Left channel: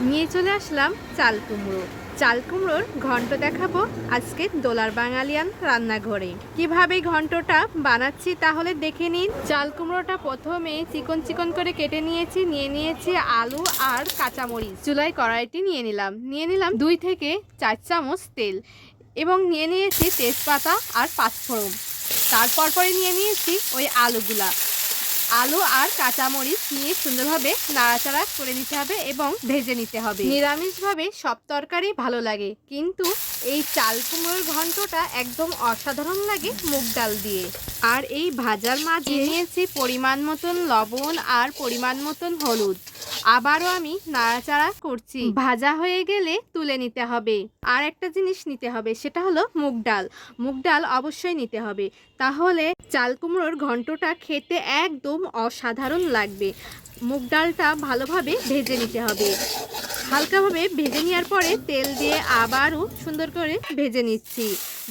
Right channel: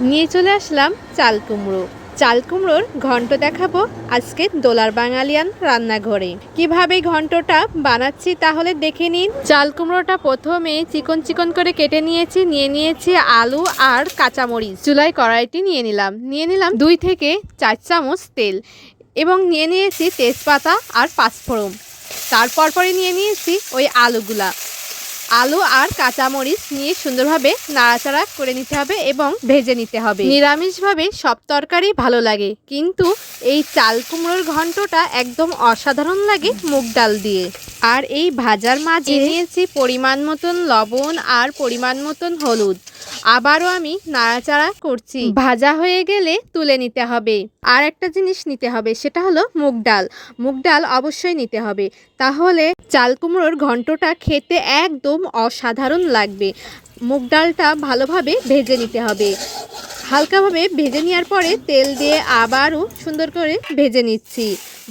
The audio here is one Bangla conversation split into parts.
নিয়ে চলে আসলাম চাল কুমড়ো। চাল কুমড়োর ঘন্ট দেখাবো আজকে দোলার বাঙালিয়ান রান্নাঘরে। কিভাবে ঘন্টটা বানাচ্ছি তাহলে দেখে নিন। চাল কুমড়োটা প্রথমে চিকন চিকন করে কেটে নিয়েছি আলু আর কাঁচামরিচ। চুলায় কড়াইটি নিয়ে নিলাম 2 থেকে 4 চামচ তেল এবং নিয়ে নিয়েছি তেজপাতা আর পাঁচফোড়ন। তারপর নিয়ে নিয়েছি ওই আলু আর কাঁচামরিচ নিয়ে সুন্দরভাবে নাড়াচাড়া করে নিতে হবে এবং ভেজে নিতে হবে। নিরামিষভাবে সব তরকারি ভালো লাগে, কিন্তু এই চাল কুমড়োর ঘন্টটা একদম অসাধারণ লাগে মুগ ডাল দিয়ে। আর এই ভাজার মাঝে নিয়েছি পরিমাণ মতন লবণ আর পরিমাণ মতন হলুদ। আবারও আমি নাড়াচাড়া করছি। ভাজা হয়ে গেলে তুলে নিতে হবে। আর একটা জিনিস নিতে হবে, সেটা হলো মুগ ডাল অবশ্যই নিতে হবে, তাহলে চাল কুমড়োর ঘন্টটা খেতে একদম অসাধারণ লাগবে। মুগ ডালটা ভালোভাবে ভেজে নিতে হবে। হালকাভাবে ভেজে নেওয়ার পরে তেল দিয়ে আবারও সুন্দর করে ভেজে নিচ্ছি।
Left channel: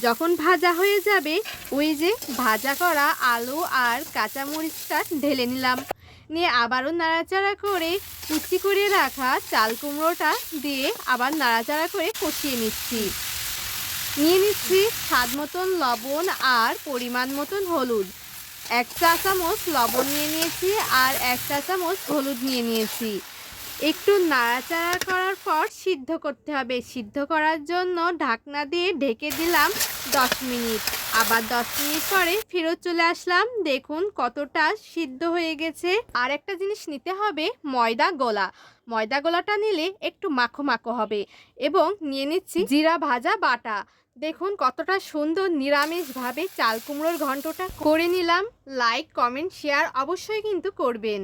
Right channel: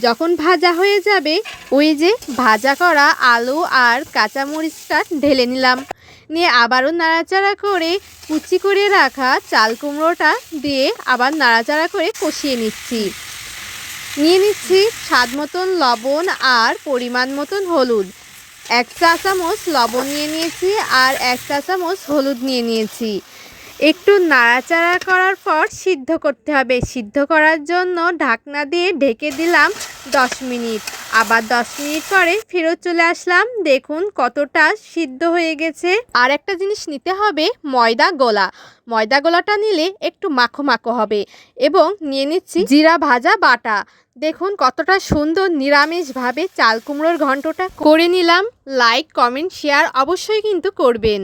যখন ভাজা হয়ে যাবে, ওই যে ভাজা করা আলু আর কাঁচামরিচটা ঢেলে নিয়ে আবারও নাড়াচাড়া করে কুচি করে রাখা চাল কুমড়োটা দিয়ে আবার নাড়াচাড়া করে কষিয়ে নিচ্ছি। নিয়ে নিচ্ছি স্বাদ মতন লবণ আর পরিমাণ মতন হলুদ। 1 চা চামচ লবণ নিয়ে নিয়েছি আর 1 চা চামচ হলুদ নিয়ে নিয়েছি। একটু নাড়াচাড়া করার পর সিদ্ধ করতে হবে। সিদ্ধ করার জন্য ঢাকনা দিয়ে ঢেকে দিলাম 10 মিনিট। আবার 10 মিনিট পরে ফেরত চলে আসলাম। দেখুন কতটা সিদ্ধ হয়ে গেছে। আর একটা জিনিস নিতে হবে, ময়দা গোলাটা নিলে একটু মাখো মাখো হবে। এবং নিয়ে নিচ্ছি জিরা ভাজা বাটা। দেখুন কতটা সুন্দর নিরামিষভাবে চাল কুমড়োর ঘন্টটা করে নিলাম। লাইক, কমেন্ট, শেয়ার অবশ্যই কিন্তু করবেন।